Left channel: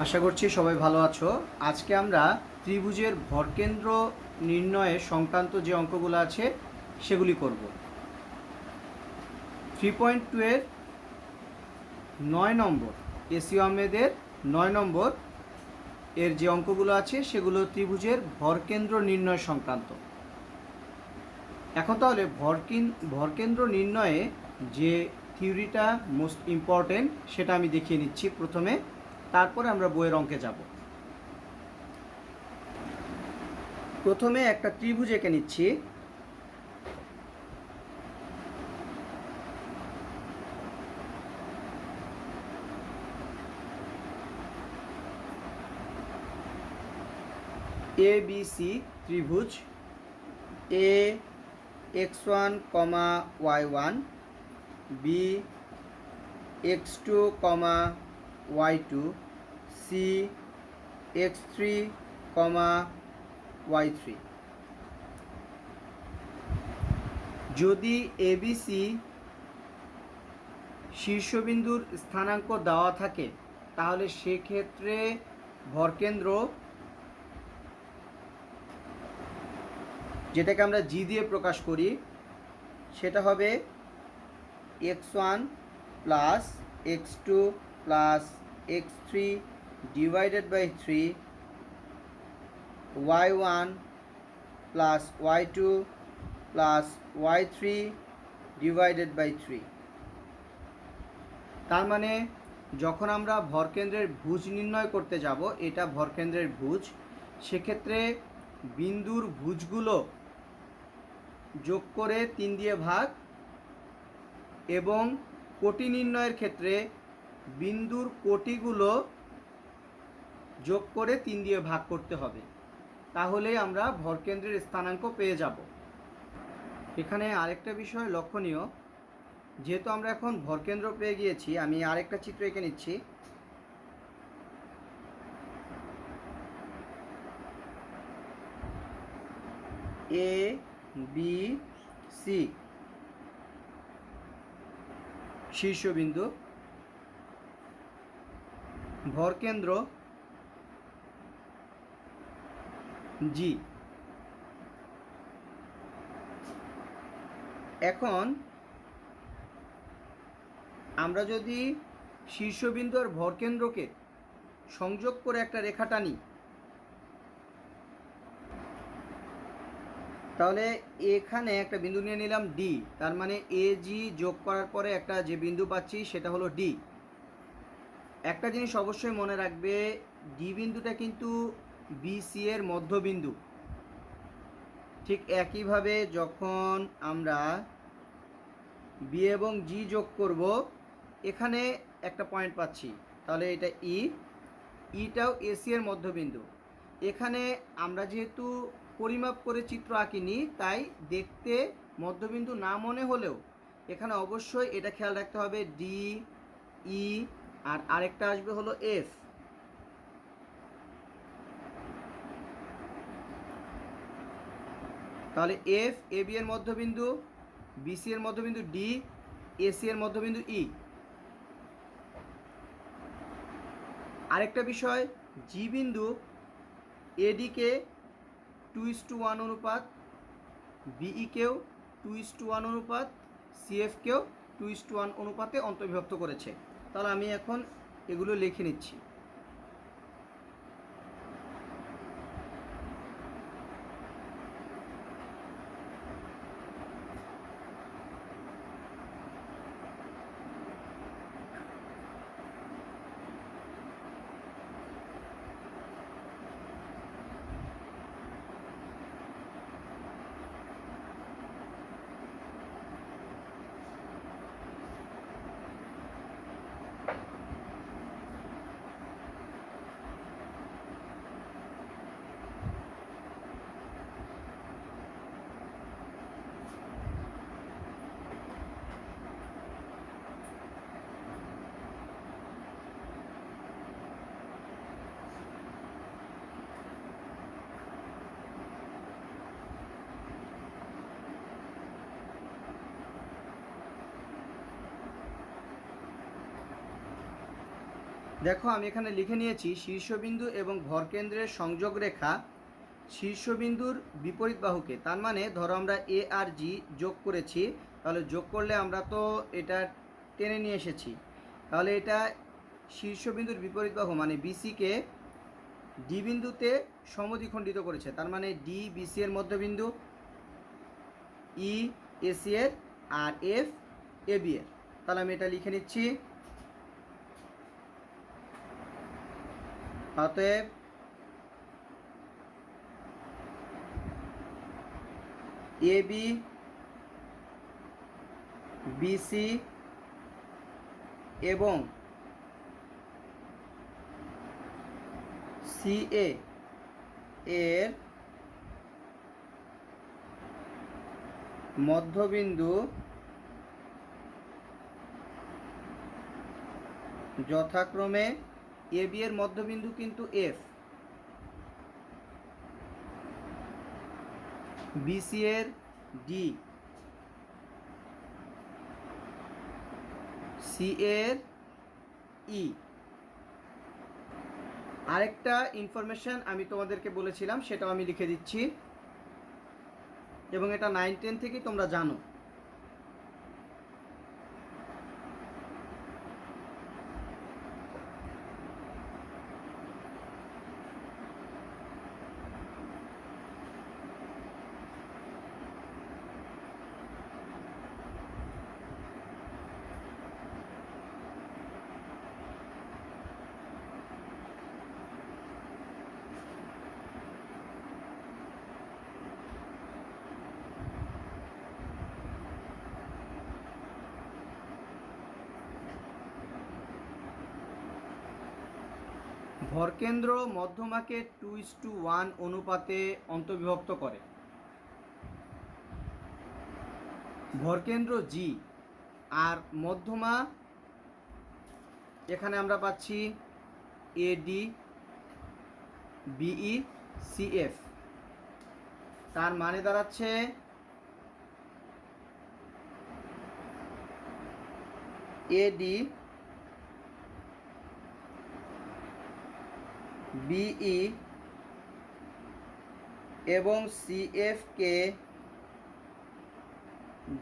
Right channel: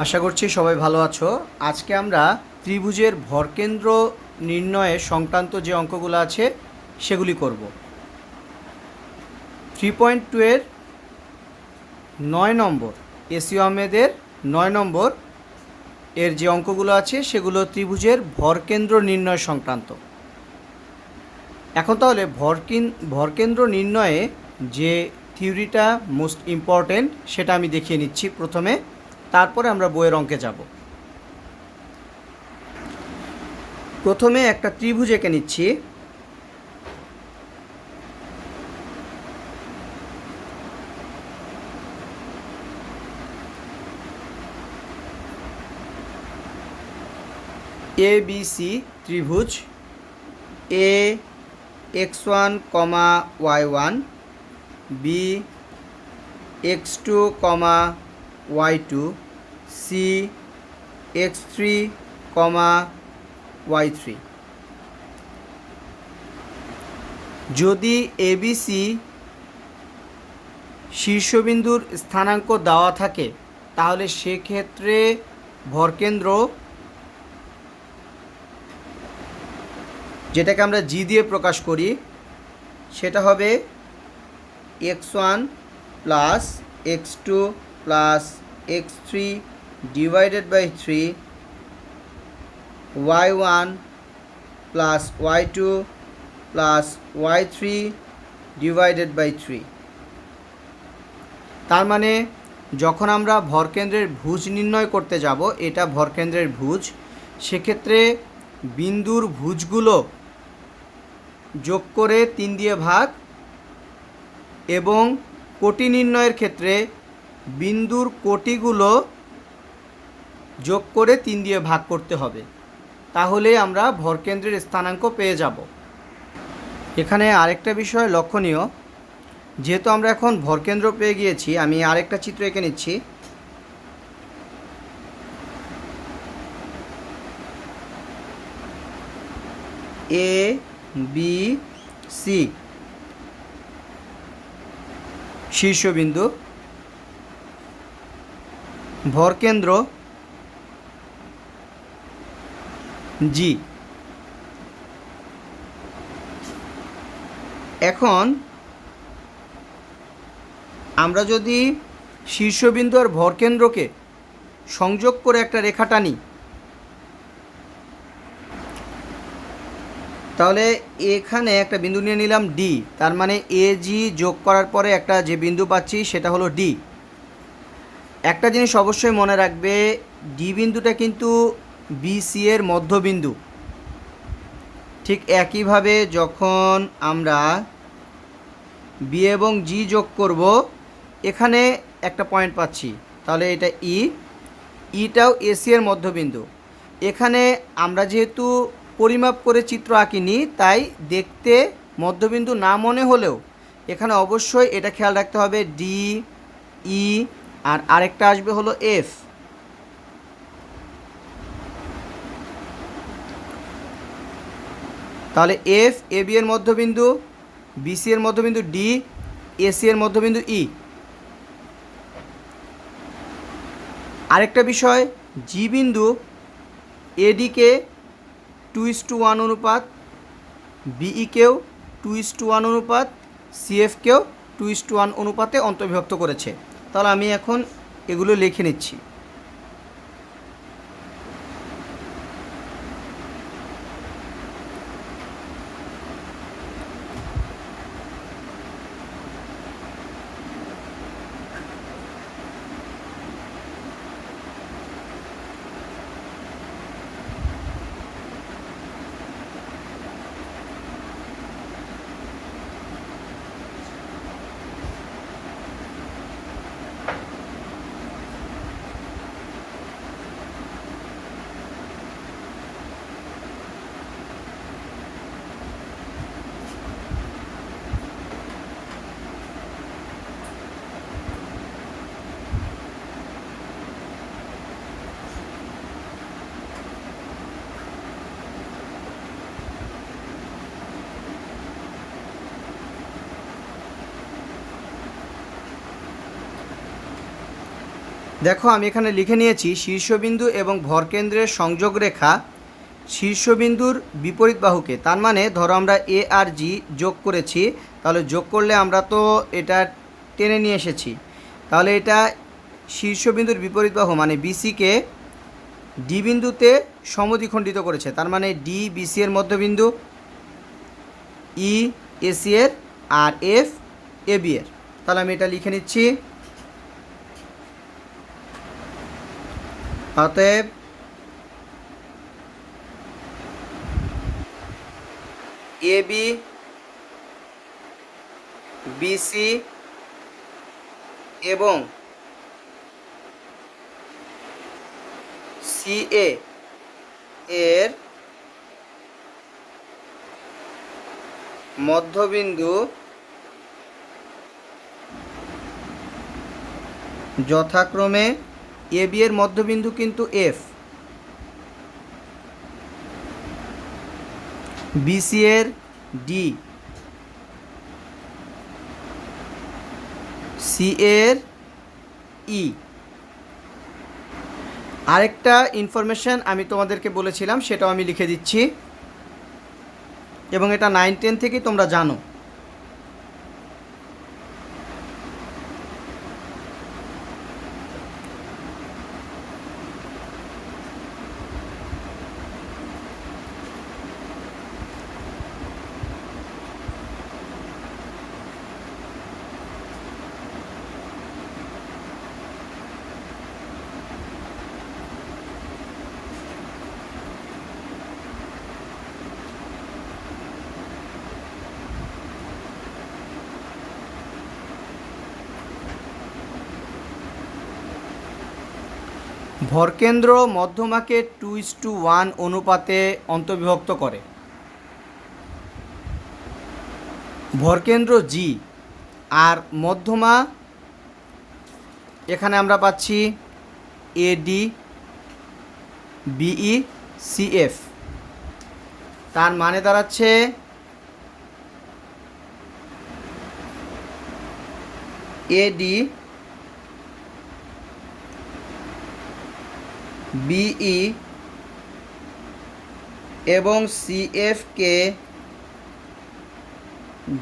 আশা করছি সবাই ভালো আছো। আজকে আমরা ত্রিভুজের ভরকেন্দ্র নির্ণয়ের সংক্রান্ত যে অঙ্কগুলো আছে সেগুলি করব। 3.2 এর 9 নম্বর, এসিও আহমেদের 9 নম্বর এর যে অঙ্কগুলো আছে সেগুলো ত্রিভুজের ভরকেন্দ্র নির্ণয় সংক্রান্ত। এখন তাহলে ভরকেন্দ্র নির্ণয়ে যে থিওরিটা মোস্ট ইম্পর্টেন্ট সেটা আমি দেখিয়ে নিচ্ছি প্রথমে, তারপরে আমরা বইয়ের অঙ্কে যাব। প্রথমে একটা ত্রিভুজ এঁকে নিচ্ছি। এ বি সি ত্রিভুজ। A x1, y1, B x2, y2, C x3, y3। যদি এবিসি শীর্ষবিন্দুর স্থানাঙ্ক দেওয়া থাকে তাহলে সেক্ষেত্রে ভরকেন্দ্র, যেটাকে আমরা জি দিয়ে প্রকাশ করি, সেটা হবে x1 plus x2 plus x3 divided by 3, y1 plus y2 plus y3 divided by 3। তার মানে যখন আমরা ভরকেন্দ্রের ভুজ নির্ণয় করতে যাব, এটা ভরকেন্দ্রের ভুজ, সেক্ষেত্রে বিন্দুর ভুজগুলো যোগ করে 3 দিয়ে ভাগ, এবং কোটি নির্ণয়ের ক্ষেত্রে বিন্দুর কোটিগুলো যোগ করে 3 দিয়ে ভাগ করতে হবে, তাহলে আমরা ভরকেন্দ্রের স্থানাঙ্ক পেয়ে যাব। এখানে আরেকটা বিষয় লক্ষণীয়, যেহেতু আমরা এখন ভরকেন্দ্র পেয়ে গিয়েছি, আমি আরেকটা চিত্র এঁকে নিচ্ছি। এ বি সি শীর্ষবিন্দু, ভরকেন্দ্র জি। এখন আমরা যদি শীর্ষবিন্দু আর ভরকেন্দ্রকে সংযোগ করে একটা রেখা টানি, তাহলে এখানে একটা বিন্দু নিয়ে নিলাম ডি, তার মানে এ জি যোগ করার পরে একটা যে বিন্দু পাচ্ছি সেটা হলো ডি। একটা জিনিস অবশ্যই মনে রাখবে, ডি বিন্দুটা কিন্তু বিসি এর মধ্যবিন্দু। ঠিক একইভাবে যখন আমরা বি এবং জি যোগ করব, এখানে একটা পয়েন্ট পাচ্ছি, তাহলে এটা ই, ইটাও এসি এর মধ্যবিন্দু। এখানে আমরা যেহেতু পরিমাপ করে চিত্র আঁকিনি, তাই দেখতে মধ্যবিন্দু না মনে হলেও এখানে অবশ্যই এটা খেয়াল রাখতে হবে, ডি, ই, আর আরেকটা আসবে হলো এফ। তাহলে এফ এ বি এর মধ্যবিন্দু, বিসি এর মধ্যবিন্দু ডি, এসি এর মধ্যবিন্দু ই। আরেকটা বিষয়, জি বিন্দু এডিকে 2:1 অনুপাত, বিইকেও 2:1 অনুপাত, সিএফকেও 2:1 অনুপাতে অন্তর্বিভক্ত করেছে। তাহলে আমি এখন এগুলো লিখে নিচ্ছি। দেখো আমি এখানে লিখে নিয়েছি শীর্ষবিন্দু এবং ভরকেন্দ্রের সংযোগ রেখা শীর্ষবিন্দুর বিপরীত বাহুকে। তার মানে ধরো আমরা এ আর জি যোগ করেছি, তাহলে যোগ করলে আমরা তো এটা টেনে নিয়ে এসেছি, তাহলে এটা শীর্ষবিন্দুর বিপরীত বাহু মানে বিসিকে ডি বিন্দুতে সমদ্বিখণ্ডিত করেছে। তার মানে ডি বিসি এর মধ্যবিন্দু, ই এসি এর, আর এফ এবি এর। তাহলে আমি এটা লিখে নিচ্ছি। অতএব এবি বিসি এবং সিএ এর মধ্যবিন্দু যথাক্রমে এবি এর মধ্যবিন্দু কিন্তু এফ, বিসি এর ডি, সি এর ই। আরেকটা ইনফরমেশান আমি তোমাদেরকে বলেছিলাম, সেটাও আমি লিখে দিচ্ছি, এবং এটা 9-10 থেকেই তোমরা জানো। ভরকেন্দ্র মধ্যমাকে 2:1 অনুপাতে অন্তর্বিভক্ত করে। ভরকেন্দ্র জি আর মধ্যমা এখানে আমরা পাচ্ছি এডি বিই সিএফ। তার মানে দাঁড়াচ্ছে এডি বিই এবং সিএফকে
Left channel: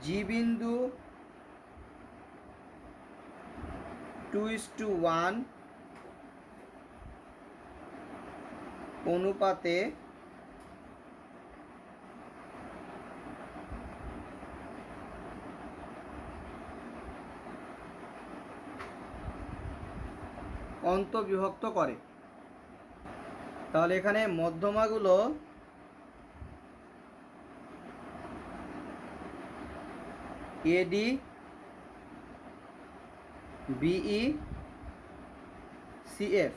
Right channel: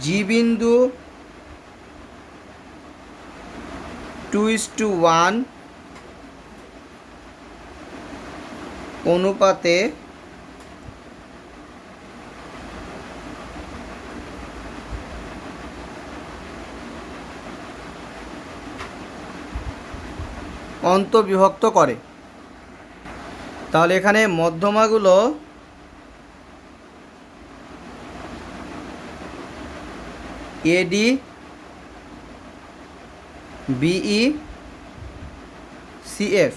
জি বিন্দু 2:1 অনুপাতে অন্তর্বিভক্ত করে। তাহলে এখানে মধ্যমাগুলো এডি বিই সিএফ।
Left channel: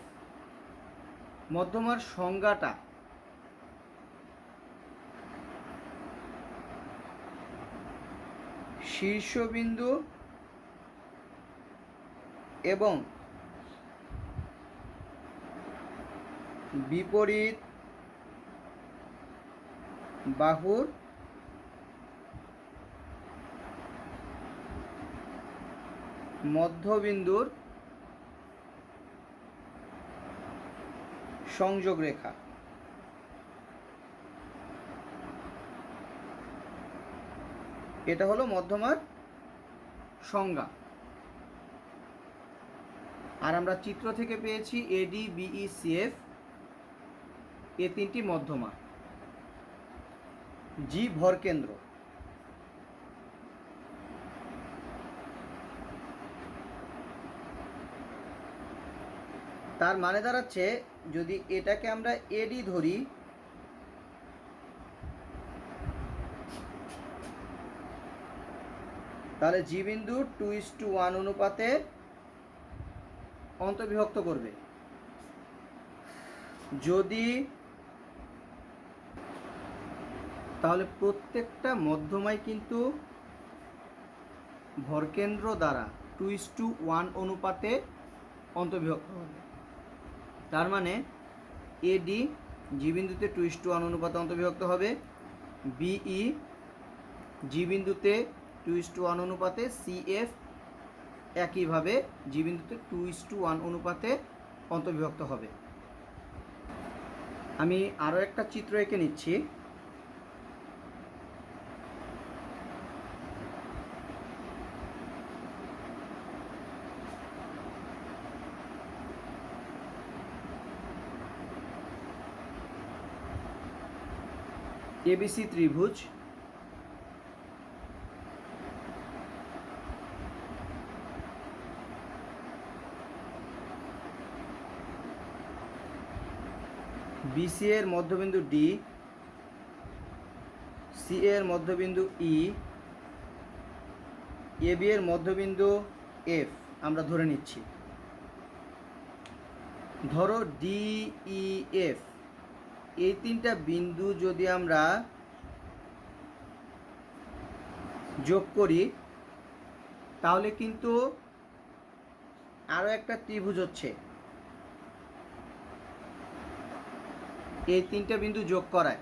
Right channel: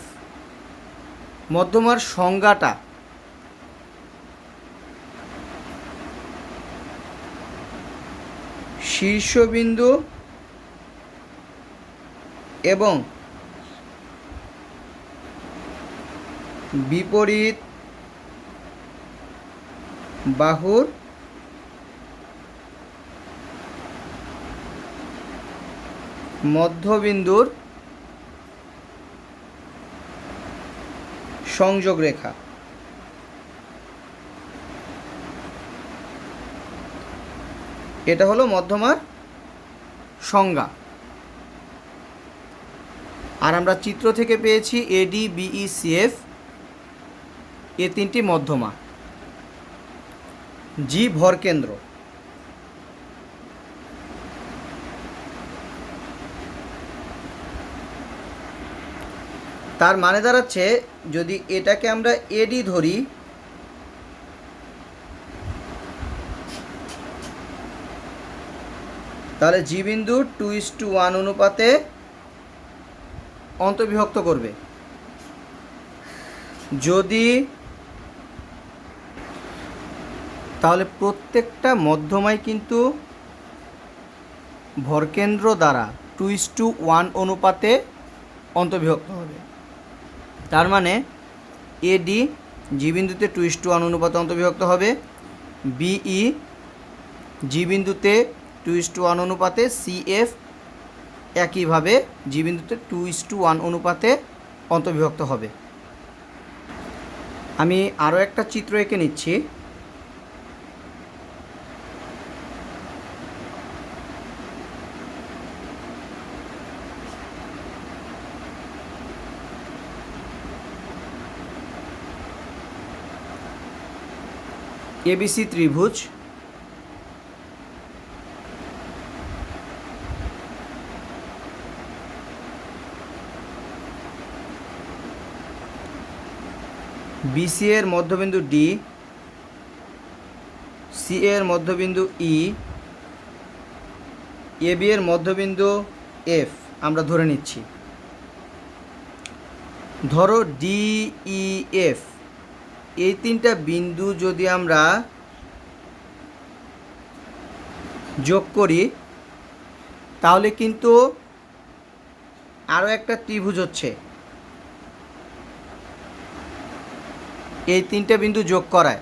মধ্যমার সংজ্ঞাটা শীর্ষবিন্দু এবং বিপরীত বাহুর মধ্যবিন্দুর সংযোগ রেখা। এটা হলো মধ্যমার সংজ্ঞা। আর আমরা চিত্র থেকে পেয়েছি এডি বিই সিএফ এ তিনটি মধ্যমা। জি ভরকেন্দ্র। তার মানে দাঁড়াচ্ছে যদি এটাকে আমরা এডি ধরি, তাহলে জি বিন্দু 2:1 অনুপাতে অন্তর্বিভক্ত করবে। যদি তাহলে প্রত্যেকটা মধ্যমাই কিন্তু ভরকেন্দ্র দ্বারা 2:1 অনুপাতে অন্তর্বিভক্ত হবে। তার মানে এডি জি বিন্দুতে 2:1 অনুপাতে অন্তর্বিভক্ত হবে, বিই জি বিন্দুতে 2:1 অনুপাতে, সিএফ একইভাবে জি বিন্দুতে 2:1 অনুপাতে অন্তর্বিভক্ত হবে। আমি আরও একটা চিত্র এঁকে নিচ্ছি। এবিসি ত্রিভুজ, বিসি এর মধ্যবিন্দু ডি, সি এর মধ্যবিন্দু ই, এবি এর মধ্যবিন্দু এফ আমরা ধরে নিচ্ছি। ধরো ডি ই এফ, এই তিনটা বিন্দু যদি আমরা যোগ করি তাহলে কিন্তু আরও একটা ত্রিভুজ হচ্ছে। এই তিনটা বিন্দু যোগ করায়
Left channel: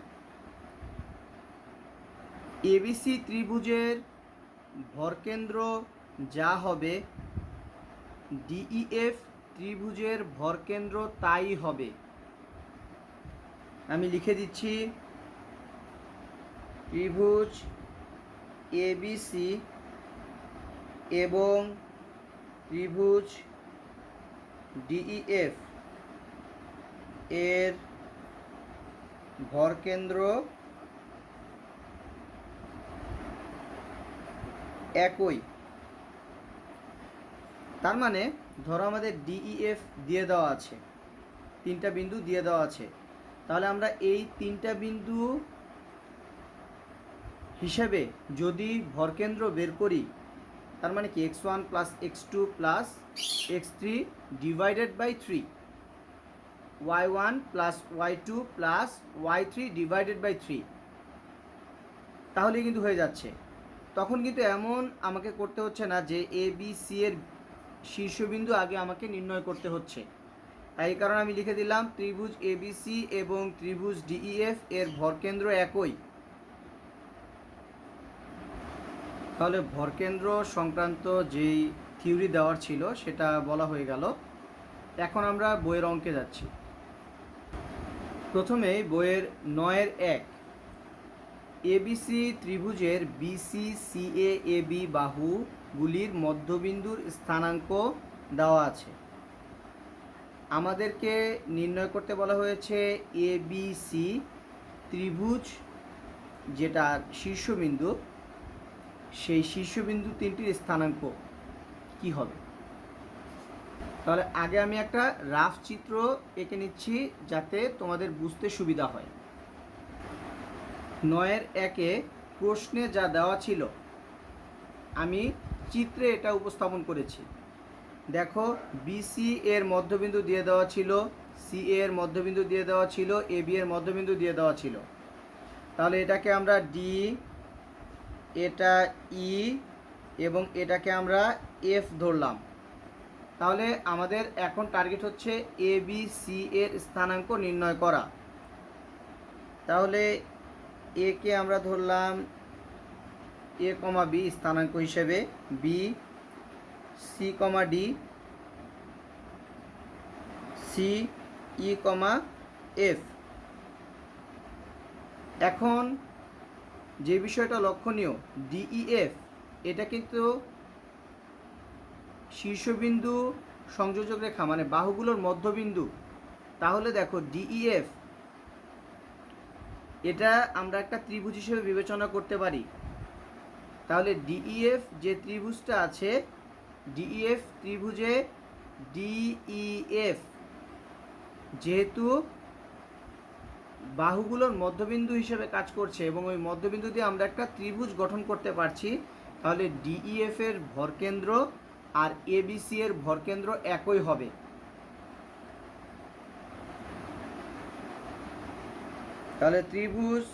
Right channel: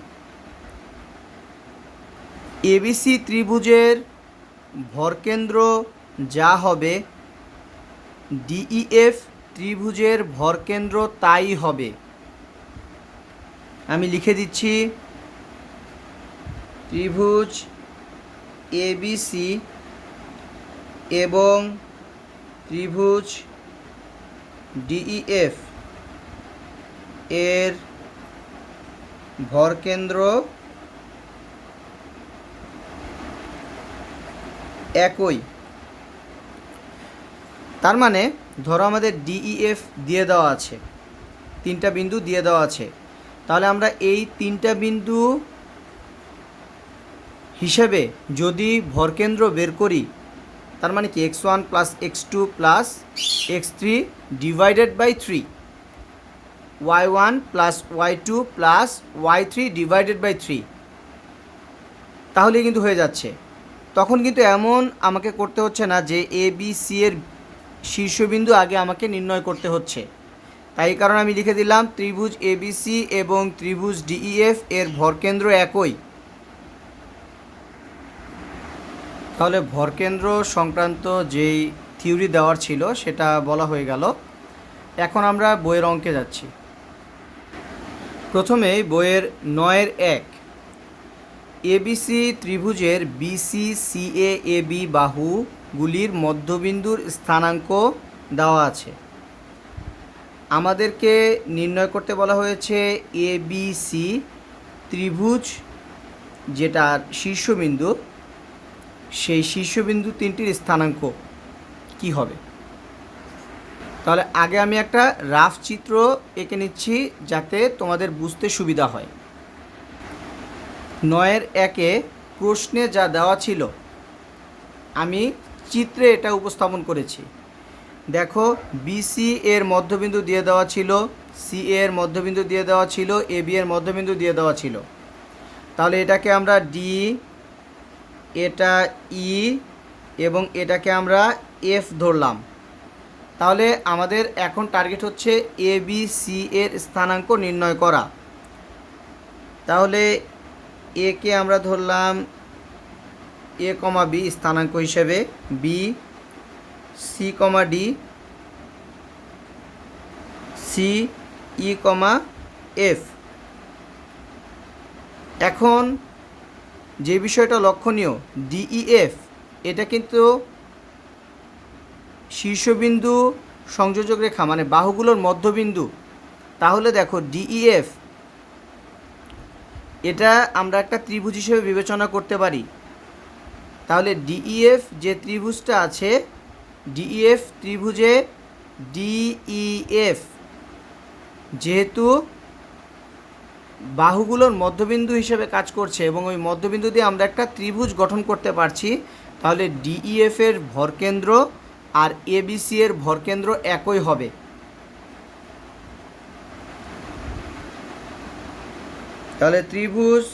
এবিসি ত্রিভুজের ভরকেন্দ্র যা হবে ডিইএফ ত্রিভুজের ভরকেন্দ্র তাই হবে। আমি লিখে দিচ্ছি, ত্রিভুজ এবিসি এবং ত্রিভুজ ডিইএফ এর ভরকেন্দ্র একই। তার মানে ধরো আমাদের ডিইএফ দিয়ে দেওয়া আছে, তিনটা বিন্দু দিয়ে দেওয়া আছে, তাহলে আমরা এই তিনটা বিন্দু হিসেবে যদি ভরকেন্দ্র বের করি, তার মানে কি x1 plus x2 plus x3 divided by 3, y1 plus y2 plus y3 divided by 3, তাহলে কিন্তু হয়ে যাচ্ছে। তখন কিন্তু এমন আমাকে করতে হচ্ছে না যে এ বি সি এর শীর্ষবিন্দু আগে আমাকে নির্ণয় করতে হচ্ছে। তাই কারণে আমি লিখে দিলাম ত্রিভুজ এবিসি এবং ত্রিভুজ ডিইএফ এর ভরকেন্দ্র একই। তাহলে ভরকেন্দ্র সংক্রান্ত যেই থিওরি দেওয়ার ছিল সেটা বলা হয়ে গেল। এখন আমরা বইয়ের অঙ্কে যাচ্ছি। প্রথমেই বইয়ের 9-1 এবিসি ত্রিভুজের বিসি সিএ এবি বাহুগুলির মধ্যবিন্দুর স্থানাঙ্ক দেওয়া আছে। আমাদেরকে নির্ণয় করতে বলা হয়েছে এবিসি ত্রিভুজ যেটার শীর্ষবিন্দু, সেই শীর্ষবিন্দু তিনটির স্থানাঙ্ক কি হবে। তাহলে আগে আমি একটা রাফ চিত্র এঁকে নিচ্ছি যাতে তোমাদের বুঝতে সুবিধা হয়। 9-1 প্রশ্নে যা দেওয়া ছিল আমি চিত্রে এটা উপস্থাপন করেছি। দেখো বিসি এর মধ্যবিন্দু দিয়ে দেওয়া ছিল, সি এর মধ্যবিন্দু দিয়ে দেওয়া ছিল, এবি এর মধ্যবিন্দু দিয়ে দেওয়া ছিল। তাহলে এটাকে আমরা ডি, এটা ই এবং এটাকে আমরা এফ ধরলাম। তাহলে আমাদের এখন টার্গেট হচ্ছে এ বি সি এর স্থানাঙ্ক নির্ণয় করা। তাহলে এ কে আমরা ধরলাম এ কমা বি স্থানাঙ্ক হিসেবে, B c comma D, C E কমা এফ। এখন যে বিষয়টা লক্ষণীয়, ডিইএফ এটা কিন্তু শীর্ষবিন্দু সংযোজক রেখা মানে বাহুগুলোর মধ্যবিন্দু। তাহলে দেখো ডিইএফ এটা আমরা একটা ত্রিভুজ হিসেবে বিবেচনা করতে পারি। তাহলে ডিইএফ যে ত্রিভুজটা আছে, ডিইএফ ত্রিভুজে ডিইএফ যেহেতু বাহুগুলোর মধ্যবিন্দু হিসেবে কাজ করছে এবং ওই মধ্যবিন্দু দিয়ে আমরা একটা ত্রিভুজ গঠন করতে পারছি, তাহলে ডিইএফ এর ভরকেন্দ্র আর এবিসি এর ভরকেন্দ্র একই হবে। তাহলে ত্রিভুজ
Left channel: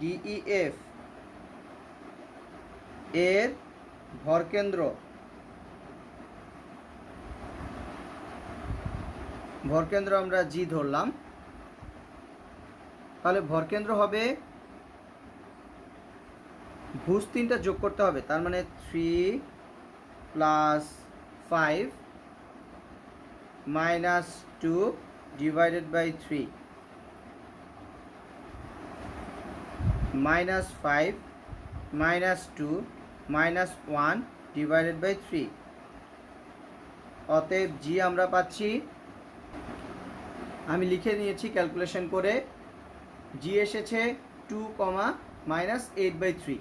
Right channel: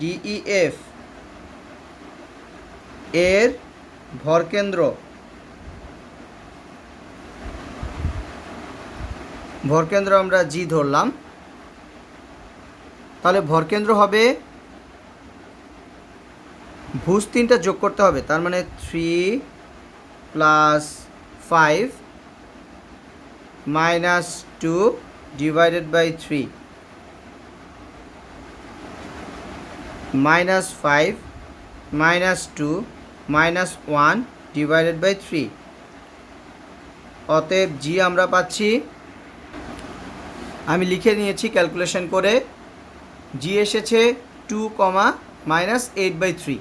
ডিইএফ এর ভরকেন্দ্র আমরা জি ধরলাম। তাহলে ভরকেন্দ্র হবে, ভুজ তিনটা যোগ করতে হবে, তার মানে 3 + 5 minus 2 divided by 3 minus 5 minus 2 minus 1 divided by 3। অতএব জি আমরা পাচ্ছি, আমি লিখে নিয়েছি ক্যালকুলেশন করে, জি এসেছে 2 মাইনাস 8/3।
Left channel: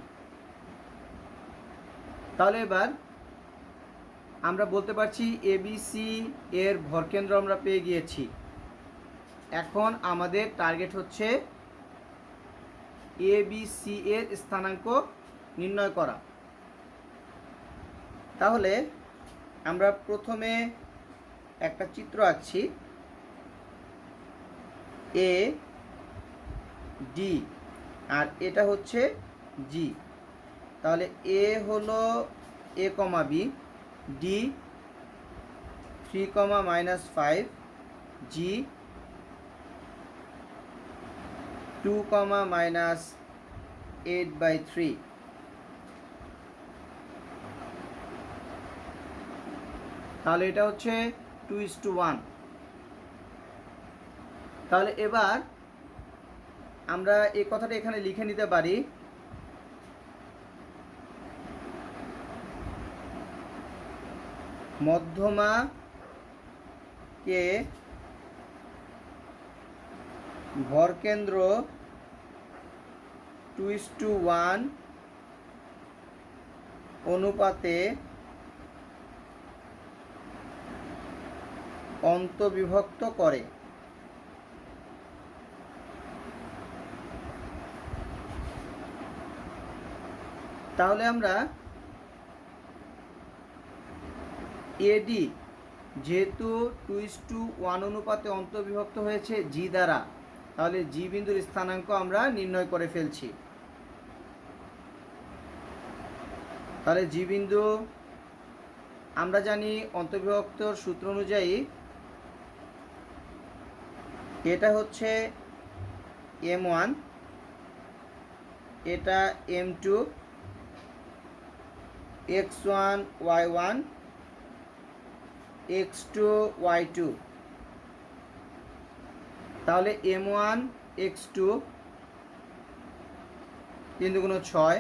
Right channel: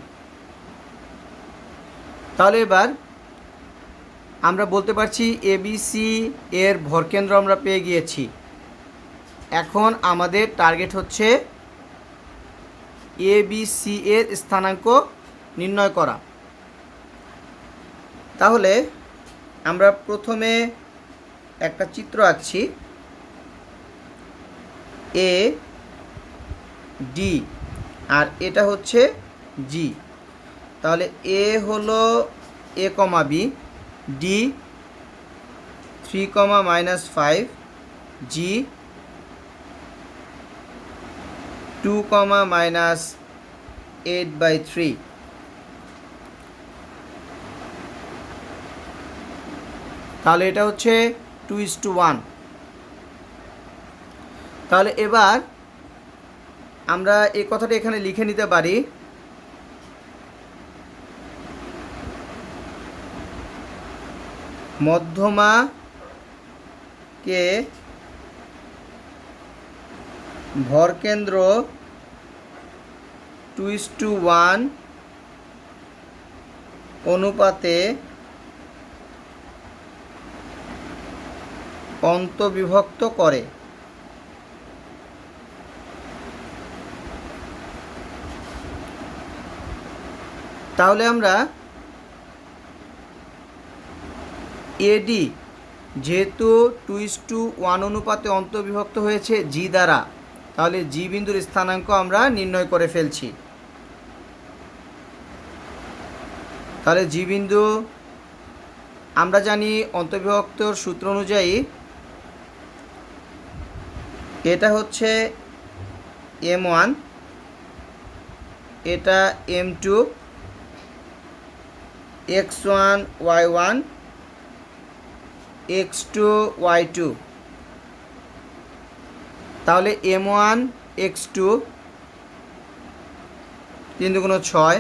তাহলে এবার আমরা বলতে পারছি এবিসি এর ভরকেন্দ্র আমরা পেয়ে গিয়েছি। এখন আমাদের টার্গেট হচ্ছে এবিসি এর স্থানাঙ্ক নির্ণয় করা। তাহলে আমরা প্রথমে একটা চিত্র আঁকছি, এ ডি আর এটা হচ্ছে জি। তাহলে এ হলো এ কমা বি, ডি 3 মাইনাস 5, জি 2 মাইনাস 8/3। তাহলে এটা হচ্ছে 2:1। তাহলে এবার আমরা এই কথাটা এখানে লিখে নিতে পারি, মধ্যমাকে ভরকেন্দ্র 2:1 অনুপাতে অন্তবিভক্ত করে। তাহলে আমরা এডি যেহেতু 2:1 অনুপাতে অন্তর্বিভক্ত হয়েছে জি দ্বারা, তাহলে জি বিন্দুর স্থানাঙ্ক আমরা নির্ণয় করে ফেলছি। তাহলে জি বিন্দু আমরা জানি অন্তর্বিভক্তর সূত্র অনুযায়ী এটা হচ্ছে M1, এটা M2, x1 y1 x2 y2। তাহলে M1 x2 3 × 6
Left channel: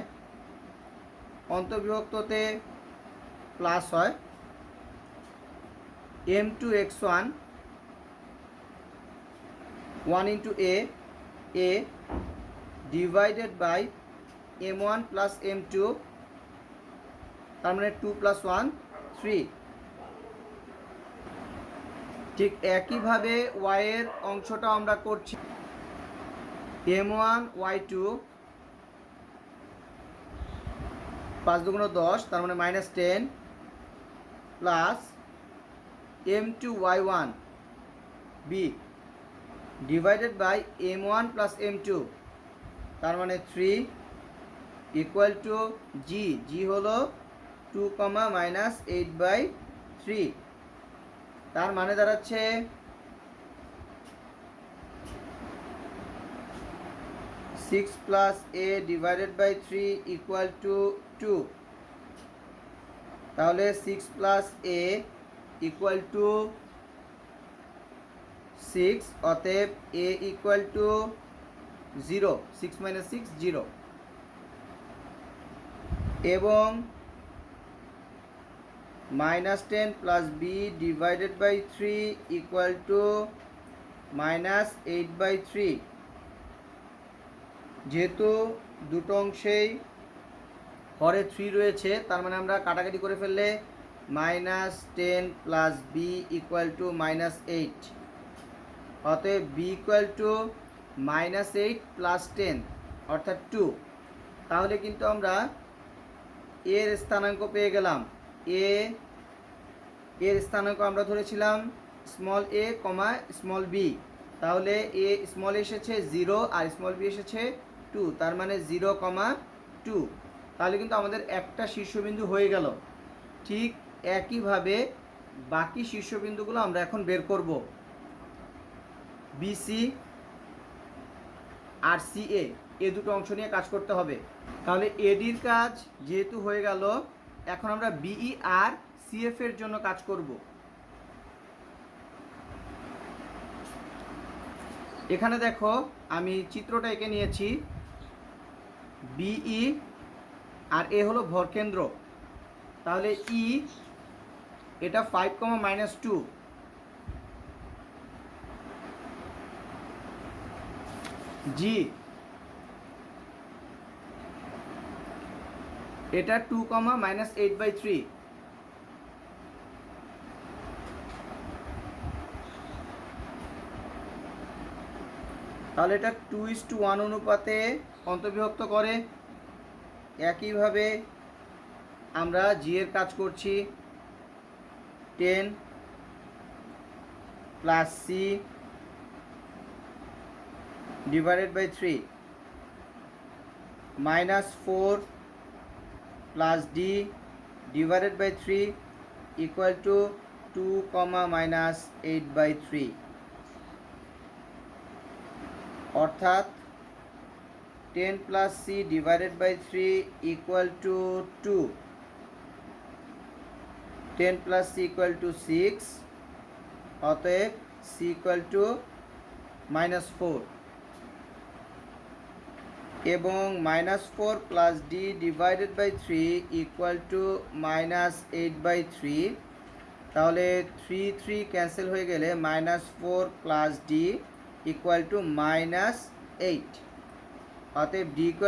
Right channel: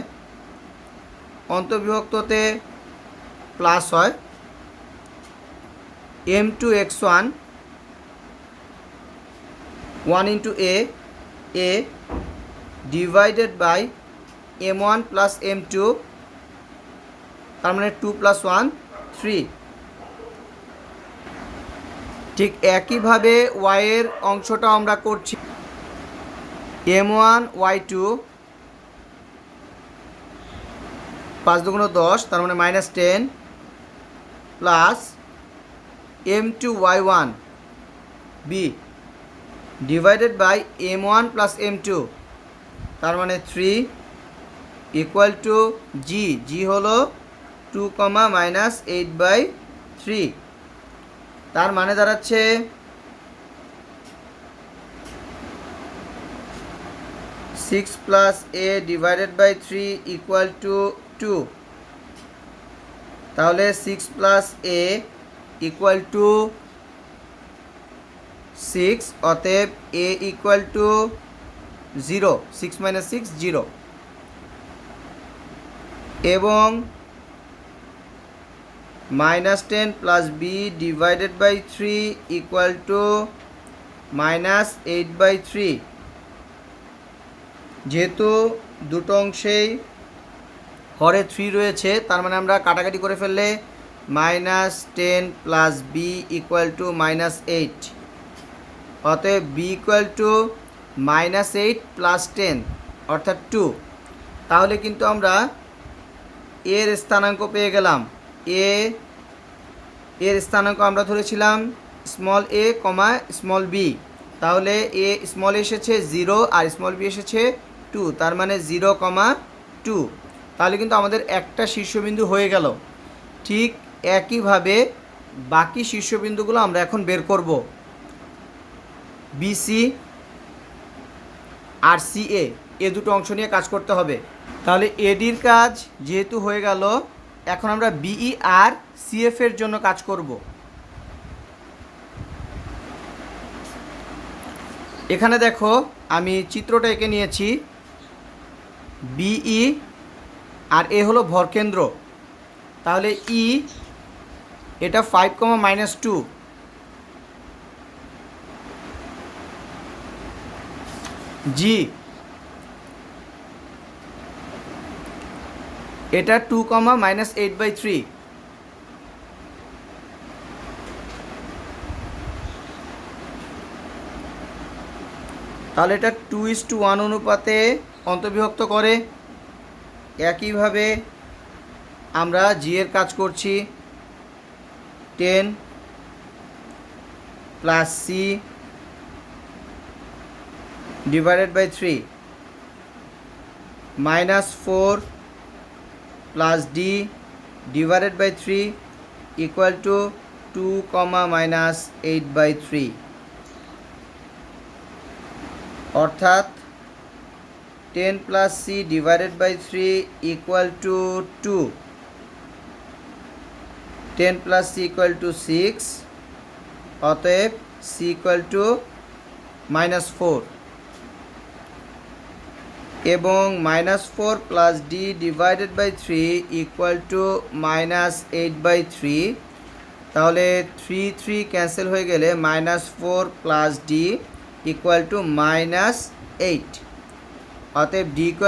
অন্তর্বিভক্ততে প্লাস হয়, M2 x1 1 × a divided by M1 plus M2, তার মানে 2 + 1 3। ঠিক একইভাবে y এর অংশটা আমরা করছি, M1 y2 5 × 10, তার মানে -10 plus M2 y1 b divided by M1 plus M2, তার মানে 3 ইকুয়াল টু জি। জি হলো 2 মাইনাস 8/3। তার মানে দাঁড়াচ্ছে 6 + a divided by 3 equal to 2। তাহলে 6 + a ইকুয়াল টু 6, অতএব a ইকুয়াল টু 0, 6 - 6 0। এবং -10 + b divided by 3 equal to -8/3। যেহেতু দুটো অংশেই হরে 3 রয়েছে, তার মানে আমরা কাটাকাটি করে ফেললে -10 + b ইকুয়াল টু -8। অতএব b ইকুয়াল টু -8 + 10 অর্থাৎ 2। তাহলে কিন্তু আমরা এর স্থানাঙ্ক পেয়ে গেলাম। এর স্থানাঙ্ক আমরা ধরেছিলাম স্মল a, স্মল b। তাহলে এ স্মল এসেছে 0 আর স্মল b এসেছে 2, তার মানে 0, 2। তাহলে কিন্তু আমাদের একটা শীর্ষবিন্দু হয়ে গেল। ঠিক একইভাবে বাকি শীর্ষবিন্দুগুলো আমরা এখন বের করব। বিসি আর সিএ এ দুটো অংশ নিয়ে কাজ করতে হবে। তাহলে এডির কাজ যেহেতু হয়ে গেল, এখন আমরা বিই আর সিএফ এর জন্য কাজ করব। এখানে দেখো আমি চিত্রটা এঁকে নিয়েছি, বিই আর এ হলো ভরকেন্দ্র, তাহলে ই এটা 5, -2, জি এটা 2, -8/3, তাহলে এটা 2:1 অনুপাতে অন্তর্বিভক্ত করে। একইভাবে আমরা জি এর কাজ করছি, 10 + c / 3 -4 + d / 3 = 2, -8/3, অর্থাৎ 10 + c / 3 = 2, 10 + c = 6, অতএব c = -4 এবং -4 + d / 3 = -8/3, তাহলে 3 3 ক্যান্সেল হয়ে গেলে -4 + d = -8, অতএব d =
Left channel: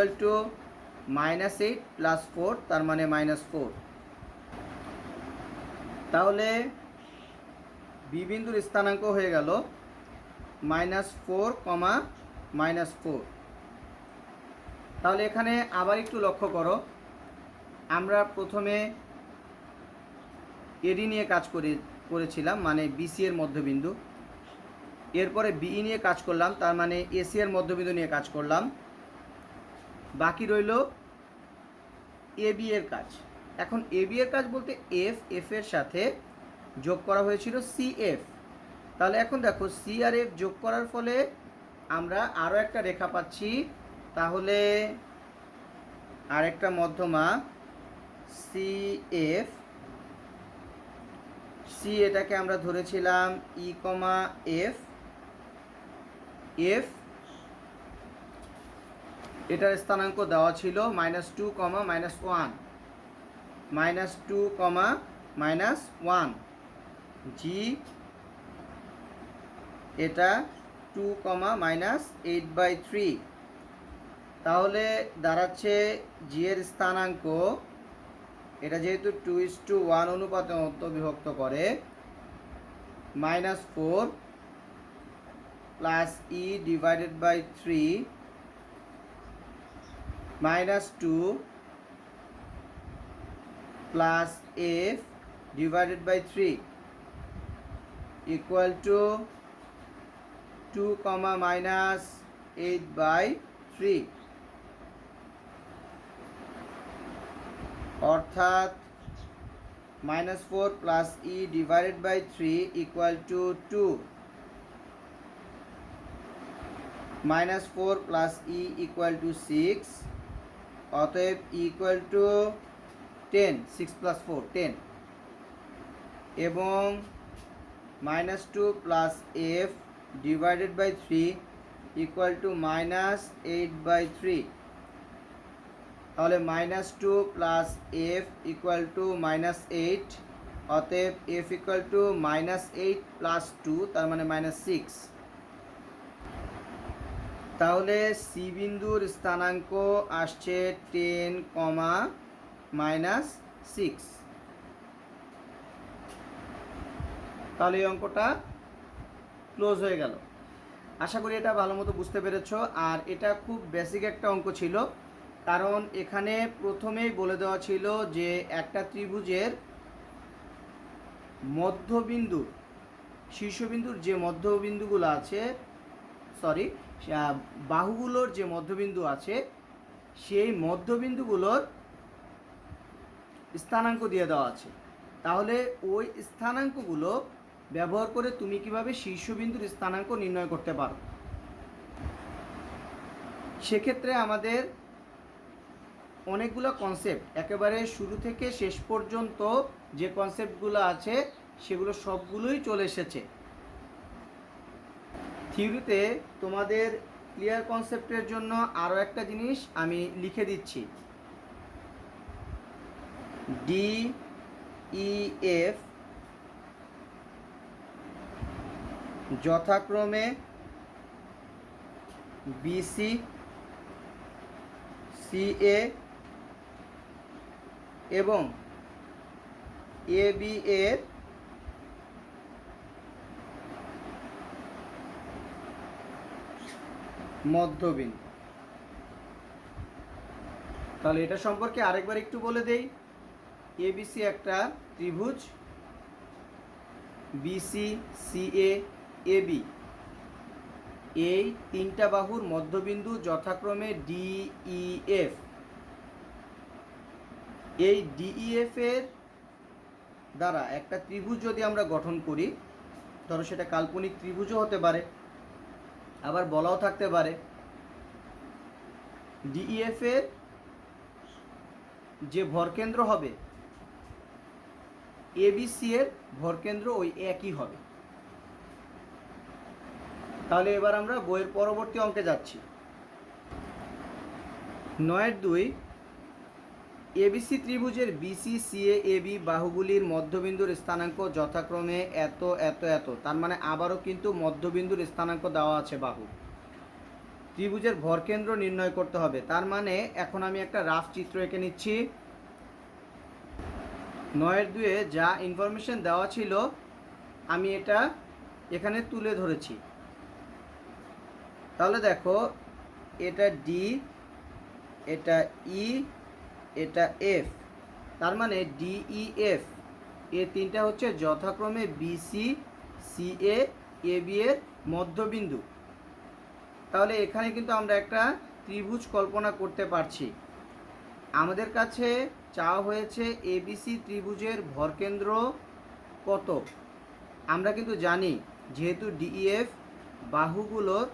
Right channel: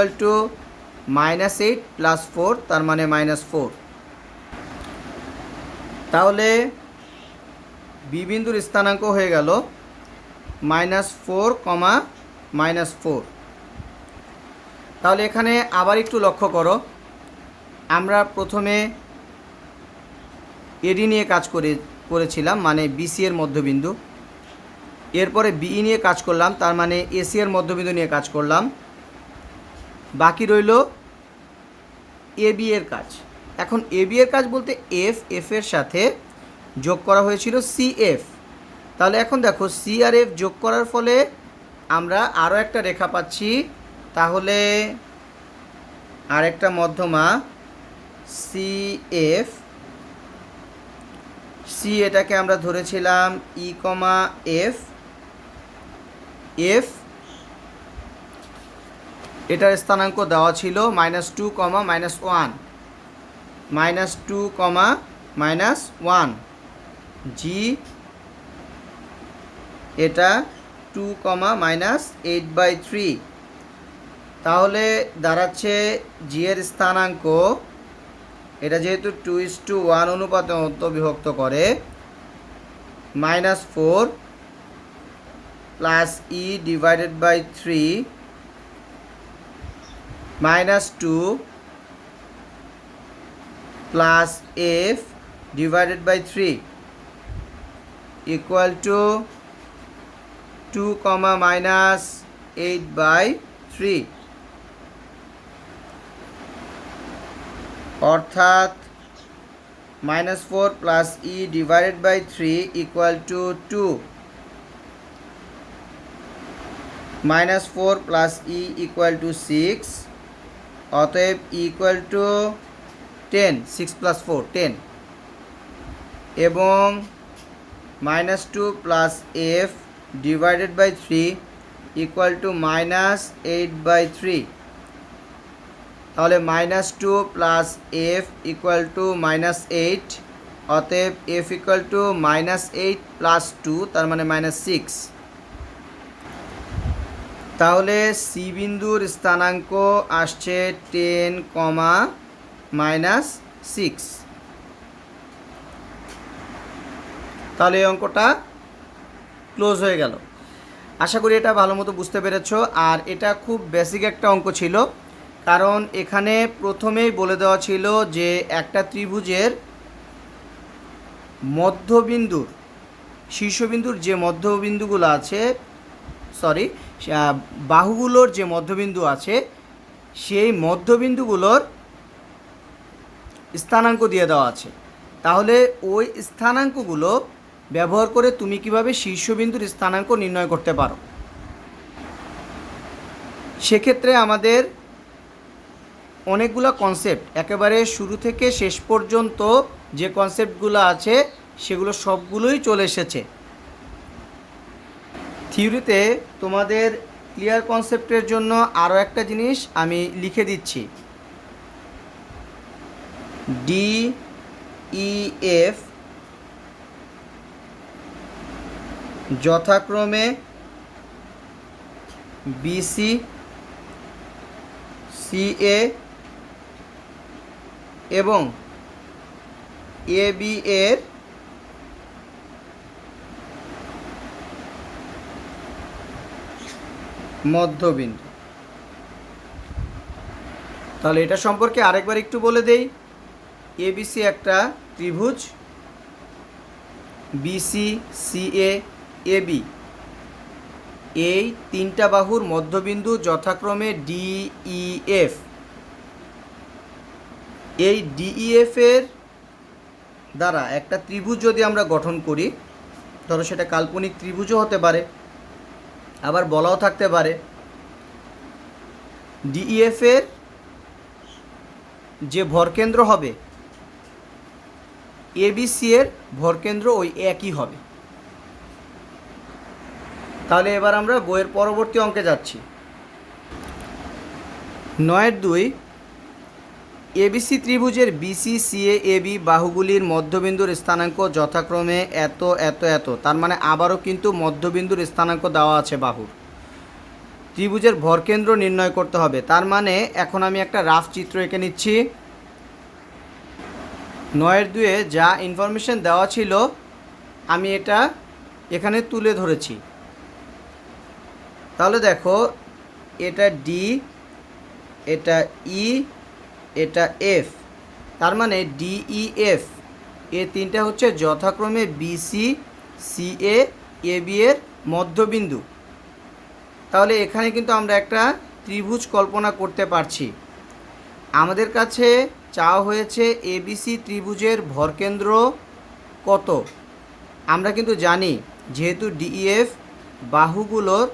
-8 + 4, তার মানে -4। তাহলে বি বিন্দুর স্থানাঙ্ক হয়ে গেল -4, -4। তাহলে এখানে আবার একটু লক্ষ্য করো, আমরা প্রথমে এডি নিয়ে কাজ করেছিলাম, মানে বিসি এর মধ্যবিন্দু, এরপরে বিই নিয়ে কাজ করলাম, তার মানে এসি এর মধ্যবিন্দু নিয়ে কাজ করলাম, বাকি রইল এবি এর কাজ। এখন এবি এর কাজ বলতে এফ এর সাথে যোগ করা হয়েছিল সিএফ, তাহলে এখন দেখো সি আর এফ যোগ করার ফলে আমরা আরও একটা রেখা পাচ্ছি, তাহলে আরেকটা মধ্যমা সিএফ, সি এটাকে আমরা ধরেছিলাম ই, এফ, এফ এটার স্থানাঙ্ক দেওয়া ছিল -2, -1, -2, -1, জি এটা 2, -8/3, তাহলে দাঁড়াচ্ছে জি এর স্থানাঙ্ক, এটা যেহেতু 2:1 অনুপাতে অন্তর্বিভক্ত করে, -4 + e / 3 -2 + f / 3 = 2, -8/3, অর্থাৎ -4 + e / 3 = 2, -4 + e = 6, অতএব e = 10, 6 + 4 10, এবং -2 + f / 3 = -8/3, তাহলে -2 + f = -8, অতএব f = -8 + 2, তার মানে -6। তাহলে সি বিন্দুর স্থানাঙ্ক আসছে 10, -6। তাহলে এই অঙ্কটা ক্লোজ হয়ে গেল। আশা করি এটা ভালো মতো বুঝতে পেরেছো। আর এটা খুব বেসিক একটা অঙ্ক ছিল, কারণ এখানে প্রথমেই বলে দেওয়া ছিল যে একটা ত্রিভুজের মধ্যবিন্দুর, শীর্ষবিন্দুর যে মধ্যবিন্দুগুলো আছে, বাহুগুলোর যে মধ্যবিন্দু আছে, সেই মধ্যবিন্দুগুলোর স্থানাঙ্ক দিয়ে দেওয়া আছে। তাহলে ওই স্থানাঙ্কগুলো ব্যবহার করে তুমি কিভাবে শীর্ষবিন্দুর স্থানাঙ্ক নির্ণয় করতে পারো। সেক্ষেত্রে আমাদের অনেকগুলো কনসেপ্ট, একেবারে শুরু থেকে শেষ পর্যন্ত যে কনসেপ্টগুলো আছে সেগুলো সবগুলোই চলে এসেছে। থিওরিতে তোমাদের ক্লিয়ার কনসেপ্টের জন্য আরও একটা জিনিস আমি লিখে দিচ্ছি। DEF যথাক্রমে BC CA এবং AB এর মধ্যবিন্দু। তাহলে এটা সম্পর্কে আরেকবার একটু বলে দেই। ABC একটা ত্রিভুজ, BC CA AB এই তিনটা বাহুর মধ্যবিন্দু যথাক্রমে DEF। এই DEF এর দ্বারা একটা ত্রিভুজ যদি আমরা গঠন করি, ধরো সেটা কাল্পনিক ত্রিভুজও হতে পারে, আবার বলাও থাকতে পারে। DEF এর যে ভরকেন্দ্র হবে ABC এর ভরকেন্দ্র ওই একই হবে। তাহলে এবার আমরা বইয়ের পরবর্তী অঙ্কে যাচ্ছি। 9-2 ABC ত্রিভুজের BC CA AB বাহুগুলির মধ্যবিন্দুর স্থানাঙ্ক যথাক্রমে এত এত এত। তার মানে আবারও কিন্তু মধ্যবিন্দুর স্থানাঙ্ক দেওয়া আছে বাহুর। ত্রিভুজের ভরকেন্দ্র নির্ণয় করতে হবে। তার মানে এখন আমি একটা রাফ চিত্র এঁকে নিচ্ছি। 9-2 যা ইনফরমেশন দেওয়া ছিল আমি এটা এখানে তুলে ধরেছি। তাহলে দেখো, এটা ডি, এটা ই, এটা এফ। তার মানে DEF এ তিনটা হচ্ছে যথাক্রমে BC CA AB এর মধ্যবিন্দু। তাহলে এখানে কিন্তু আমরা একটা ত্রিভুজ কল্পনা করতে পারছি। আমাদের কাছে চাওয়া হয়েছে ABC ত্রিভুজের ভরকেন্দ্র কত। আমরা কিন্তু জানি যেহেতু DEF বাহুগুলোর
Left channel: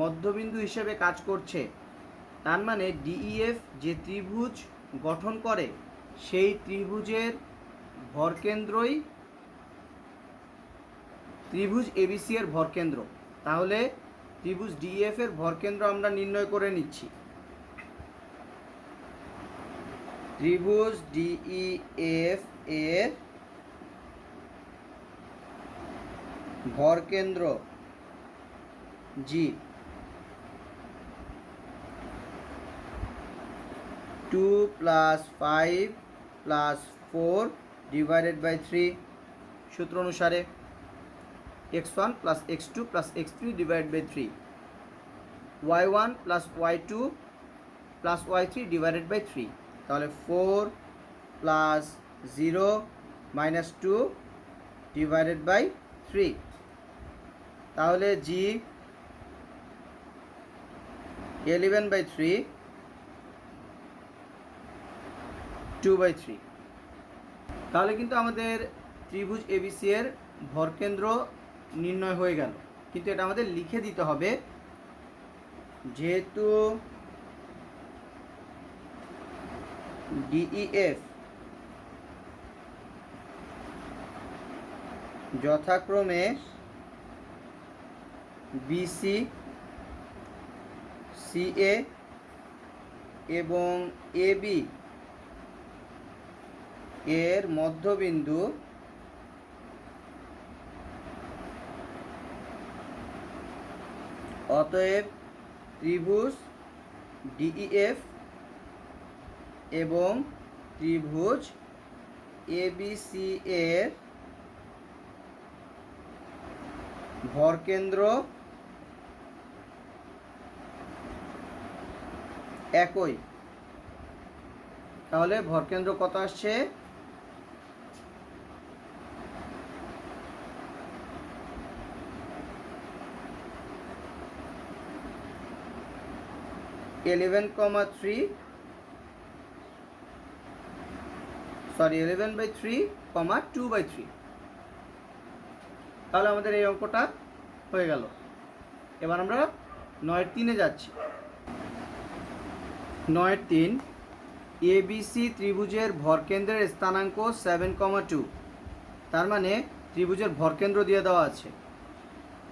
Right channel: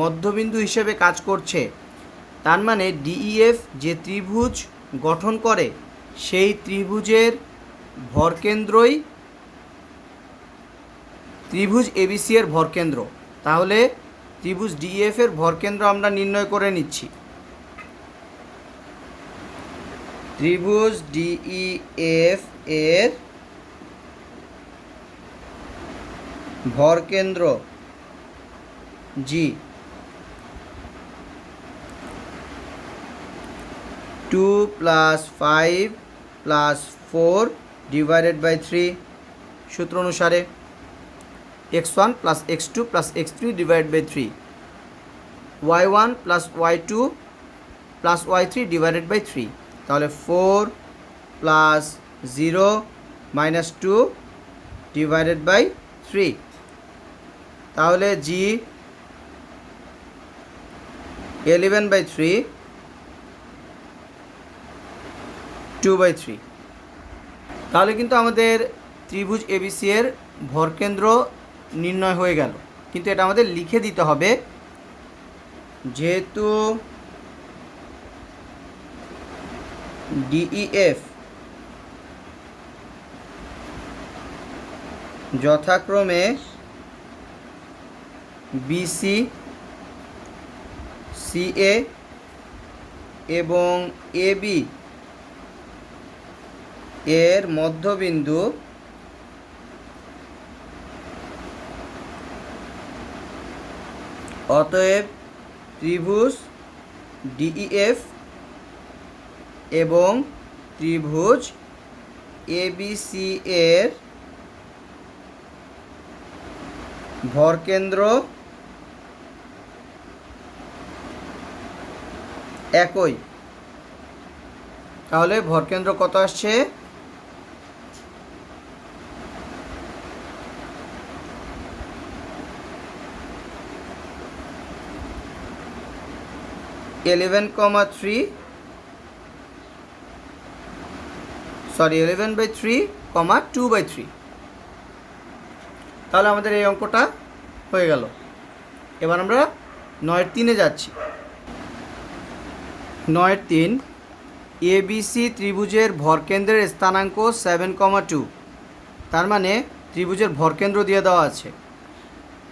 মধ্যবিন্দু হিসেবে কাজ করছে, তার মানে DEF যে ত্রিভুজ গঠন করে সেই ত্রিভুজের ভরকেন্দ্রই ত্রিভুজ ABC এর ভরকেন্দ্র। তাহলে ত্রিভুজ DEF এর ভরকেন্দ্র আমরা নির্ণয় করে নিচ্ছি। ত্রিভুজ DEF এর ভরকেন্দ্র G 2 + 5 + 4 ডিভাইডেড বাই 3 সূত্র অনুসারে x1 + x2 + x3 divided by 3, y1 + y2 + y3 divided by 3। তাহলে 4 + 0 - 2 ডিভাইডেড বাই 3। তাহলে G 11/3 2/3। তাহলে কিন্তু আমাদের ত্রিভুজ ABC এর ভরকেন্দ্র নির্ণয় হয়ে গেল। কিন্তু এটা আমাদের লিখে দিতে হবে, যেহেতু DEF যথাক্রমে BC CA এবং AB এর মধ্যবিন্দু, অতএব ত্রিভুজ DEF এবং ত্রিভুজ ABC এর ভরকেন্দ্র একই। তাহলে ভরকেন্দ্র কত আসছে? 11,3 11/3, 2/3। তাহলে আমাদের এই অঙ্কটা হয়ে গেল। এবার আমরা 9-3 যাচ্ছি। 9-3 ABC ত্রিভুজের ভরকেন্দ্রের স্থানাঙ্ক 7,2। তার মানে ত্রিভুজের ভরকেন্দ্র দিয়ে দেওয়া আছে।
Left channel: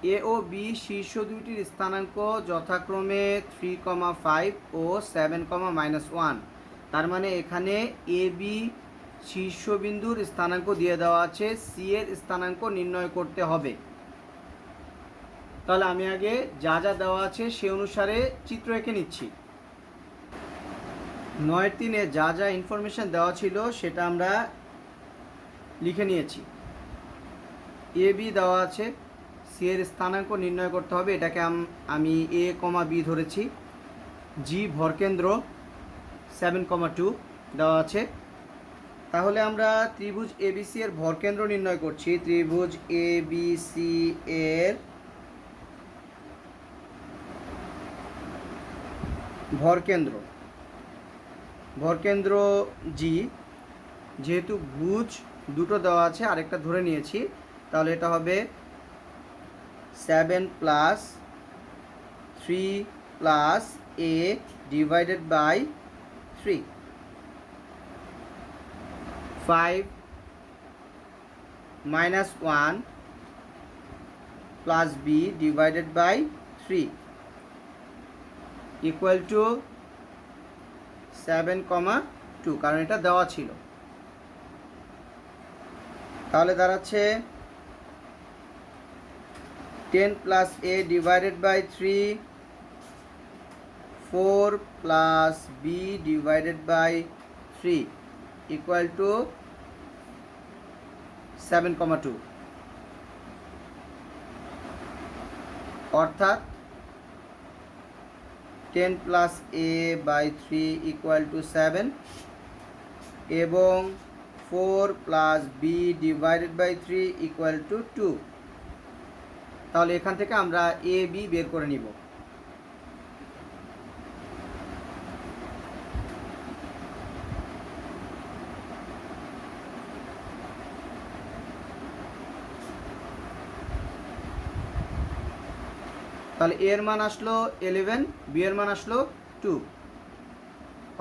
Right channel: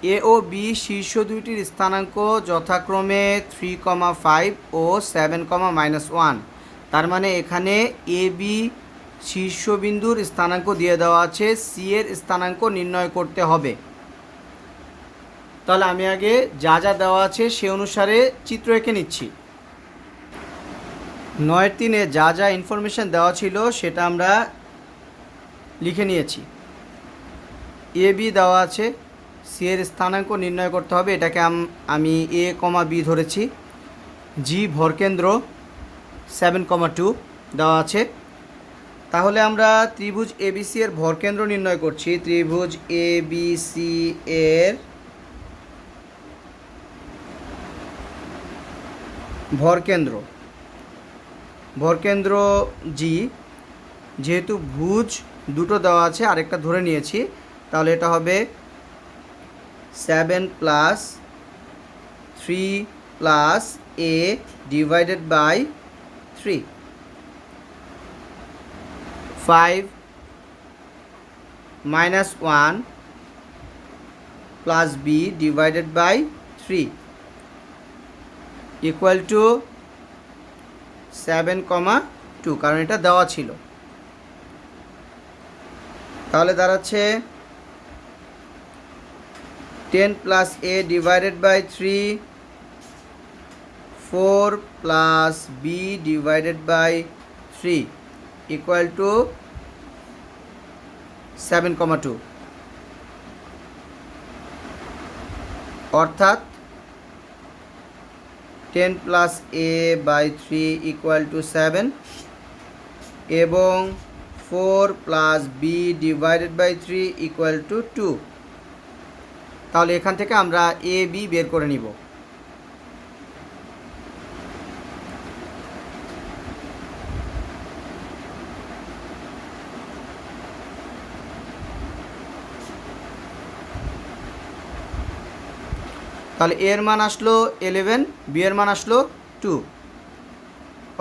এ ও বি শীর্ষ দুইটির স্থানাঙ্ক যথাক্রমে 3,5 ও 7,-1। তার মানে এখানে এ বি শীর্ষবিন্দুর স্থানাঙ্ক দিয়ে দেওয়া আছে, সি এর স্থানাঙ্ক নির্ণয় করতে হবে। তাহলে আমি আগে যা যা দেওয়া আছে সে অনুসারে চিত্র এঁকে নিচ্ছি। 9-3 যা যা ইনফরমেশন দেওয়া ছিল সেটা আমরা লিখে নিয়েছি। এ বি দেওয়া আছে, সি এর স্থানাঙ্ক নির্ণয় করতে হবে, এটাকে আমি এ কমা বি ধরেছি। জি ভরকেন্দ্র 7,2 দেওয়া আছে। তাহলে আমরা ত্রিভুজ এবিসি এর ভরকেন্দ্র নির্ণয় করছি। ত্রিভুজ এবিসি এর ভরকেন্দ্র জি, যেহেতু ভুজ দুটো দেওয়া আছে আরেকটা ধরে নিয়েছি, তাহলে এটা হবে 7 + 3 + a divided by 3, 5 - 1 + b divided by 3 equal to 7,2, কারণ এটা দেওয়া ছিল। তাহলে দাঁড়াচ্ছে 10 + a divided by 3, 4 + b divided by 3 equal to 7,2। অর্থাৎ 10 + a বাই 3 ইকুয়াল টু 7 এবং 4 + b divided by 3 equal to 2। তাহলে এখান থেকে আমরা এ বি বের করে নিব। তাহলে এর মান আসলো 11, বি এর মান আসলো 2।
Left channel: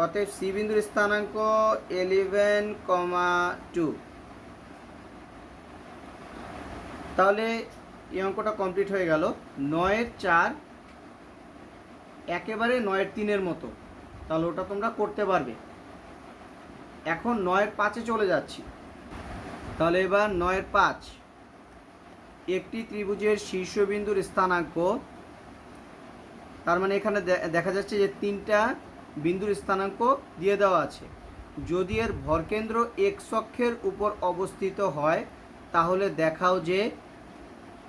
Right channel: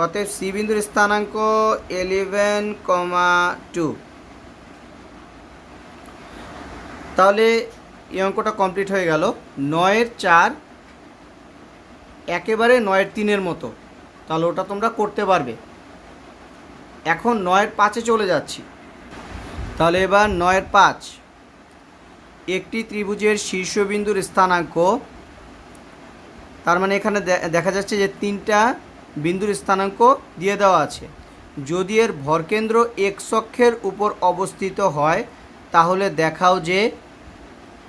অতএব সি বিন্দুর স্থানাঙ্ক 11,2। তাহলে এই অঙ্কটা কমপ্লিট হয়ে গেল। 9-4 একেবারে 9-3 মতো, তাহলে ওটা তোমরা করতে পারবে। এখন 9-5 চলে যাচ্ছি। তাহলে এবার 9-5, একটি ত্রিভুজের শীর্ষবিন্দুর স্থানাঙ্ক, তার মানে এখানে দেখা যাচ্ছে যে 3টা বিন্দুর স্থানাঙ্ক দিয়ে দেওয়া আছে। যদি এর ভরকেন্দ্র এক্স অক্ষের উপর অবস্থিত হয় তাহলে দেখাও যে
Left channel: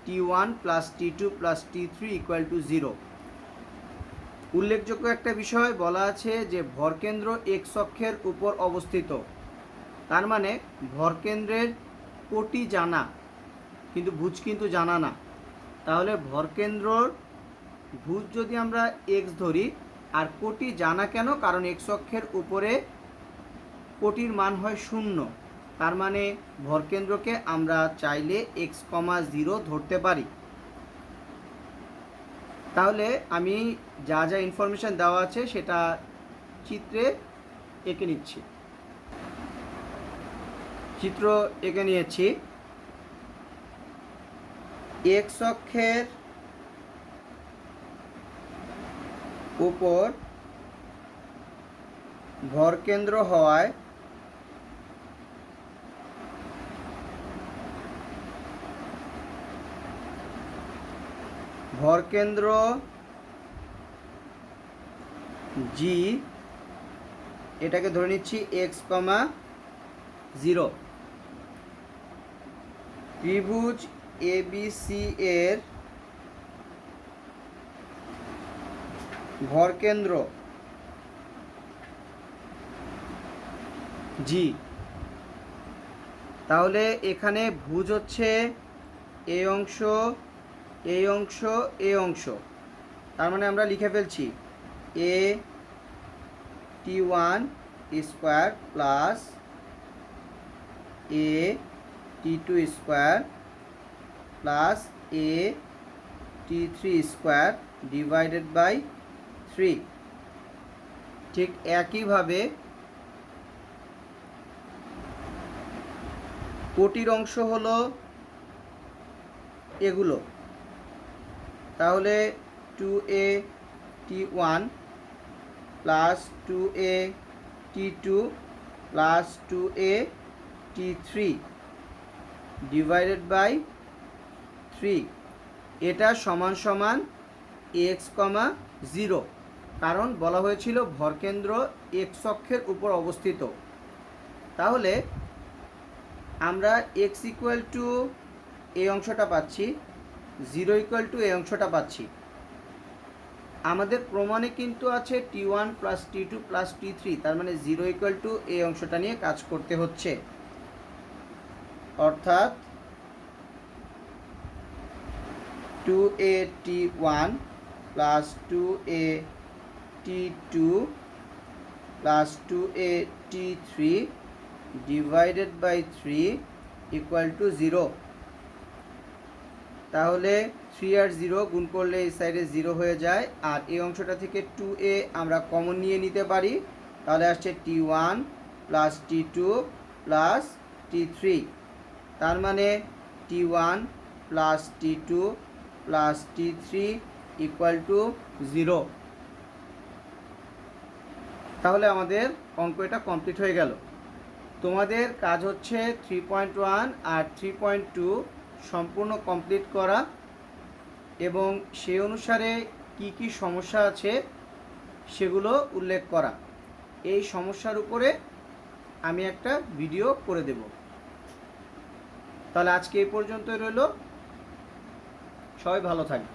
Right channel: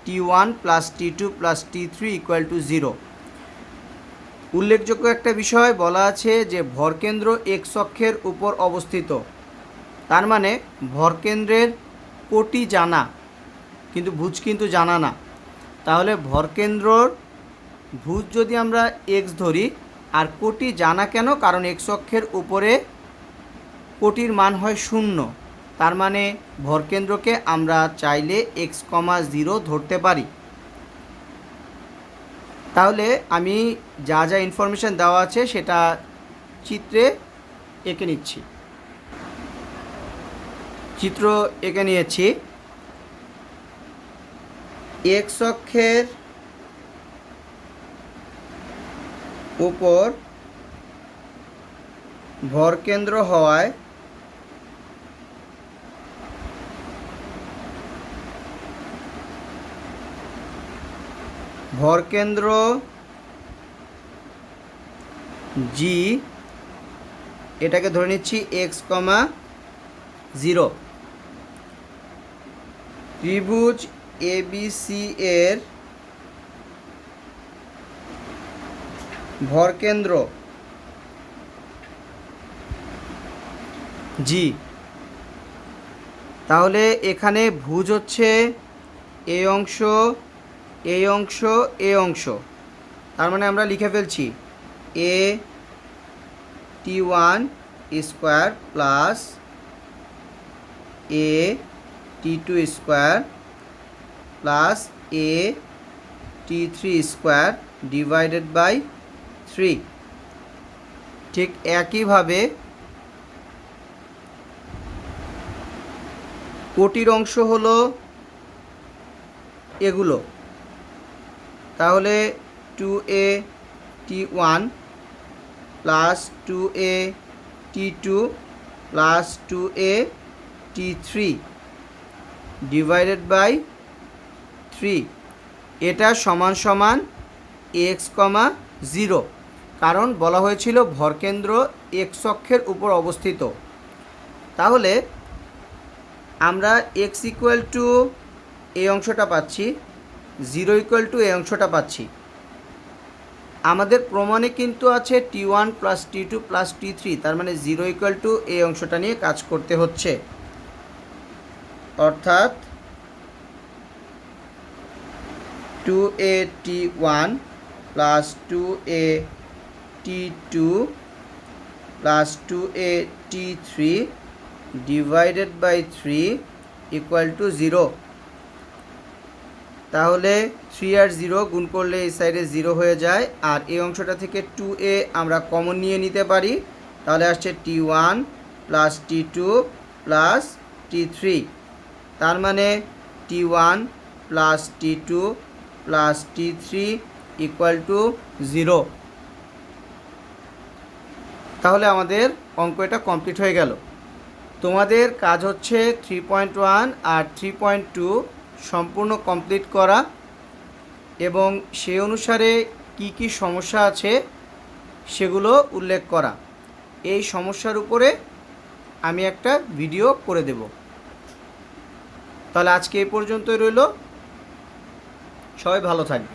T1 + T2 + T3 = 0। উল্লেখযোগ্য একটা বিষয় বলা আছে যে ভরকেন্দ্র এক্স অক্ষের উপর অবস্থিত, তার মানে ভরকেন্দ্রের কোটি জানা, কিন্তু ভুজ কিন্তু জানা না। তাহলে ভরকেন্দ্রর ভুজ যদি আমরা এক্স ধরি আর কোটি জানা কেন, কারণ এক্স অক্ষের উপরে কোটির মান হয় 0, তার মানে ভরকেন্দ্রকে আমরা চাইলে x,0 ধরতে পারি। তাহলে আমি যা যা ইনফরমেশন দেওয়া আছে সেটা চিত্রে এঁকে নিচ্ছি। চিত্র এঁকে নিয়েছি। এক্স অক্ষের উপর ভরকেন্দ্র হওয়ায় ভরকেন্দ্র জি, এটাকে ধরে নিচ্ছি x,0। ত্রিভুজ এবিসি এর ভরকেন্দ্র জি, তাহলে এখানে ভুজ হচ্ছে এই অংশ, এই অংশ, এই অংশ, তার মানে আমরা লিখে ফেলছি a T1 square plus a T2 square plus a T3 square divided by 3। ঠিক একইভাবে কোটির অংশ হলো এগুলো, তাহলে 2a t1 plus 2a t2 plus 2a t3 divided by 3, এটা সমান সমান x, 0, কারণ বলা হয়েছিল ভরকেন্দ্র x অক্ষের উপর অবস্থিত। তাহলে আমরা x ইকুয়াল টু এই অংশটা পাচ্ছি, 0 ইকুয়াল টু এই অংশটা পাচ্ছি। আমাদের প্রমাণে কিন্তু আছে t1 plus t2 plus t3, তার মানে 0 ইকুয়াল টু এই অংশটা নিয়ে কাজ করতে হচ্ছে। অর্থাৎ 2a t1 plus 2a t2 plus 2a t3 divided by 3 equal to 0। তাহলে 3 আর 0 গুণ করলে এই সাইডে 0 হয়ে যায়, আর এই অংশটা থেকে 2a আমরা কমন নিয়ে নিতে পারি। তাহলে আসছে t1 plus t2 plus t3, তার মানে t1 plus t2 plus t3 equal to 0। তাহলে আমাদের অঙ্ক এটা কমপ্লিট হয়ে গেল। তোমাদের কাজ হচ্ছে 3.1 আর 3.2 সম্পূর্ণ কমপ্লিট করা এবং সেই অনুসারে কি কি সমস্যা আছে সেগুলো উল্লেখ করা। এই সমস্যার উপরে আমি একটা ভিডিও করে দেব। তাহলে আজকে এই পর্যন্তই রইল। সবাই ভালো থাকবে।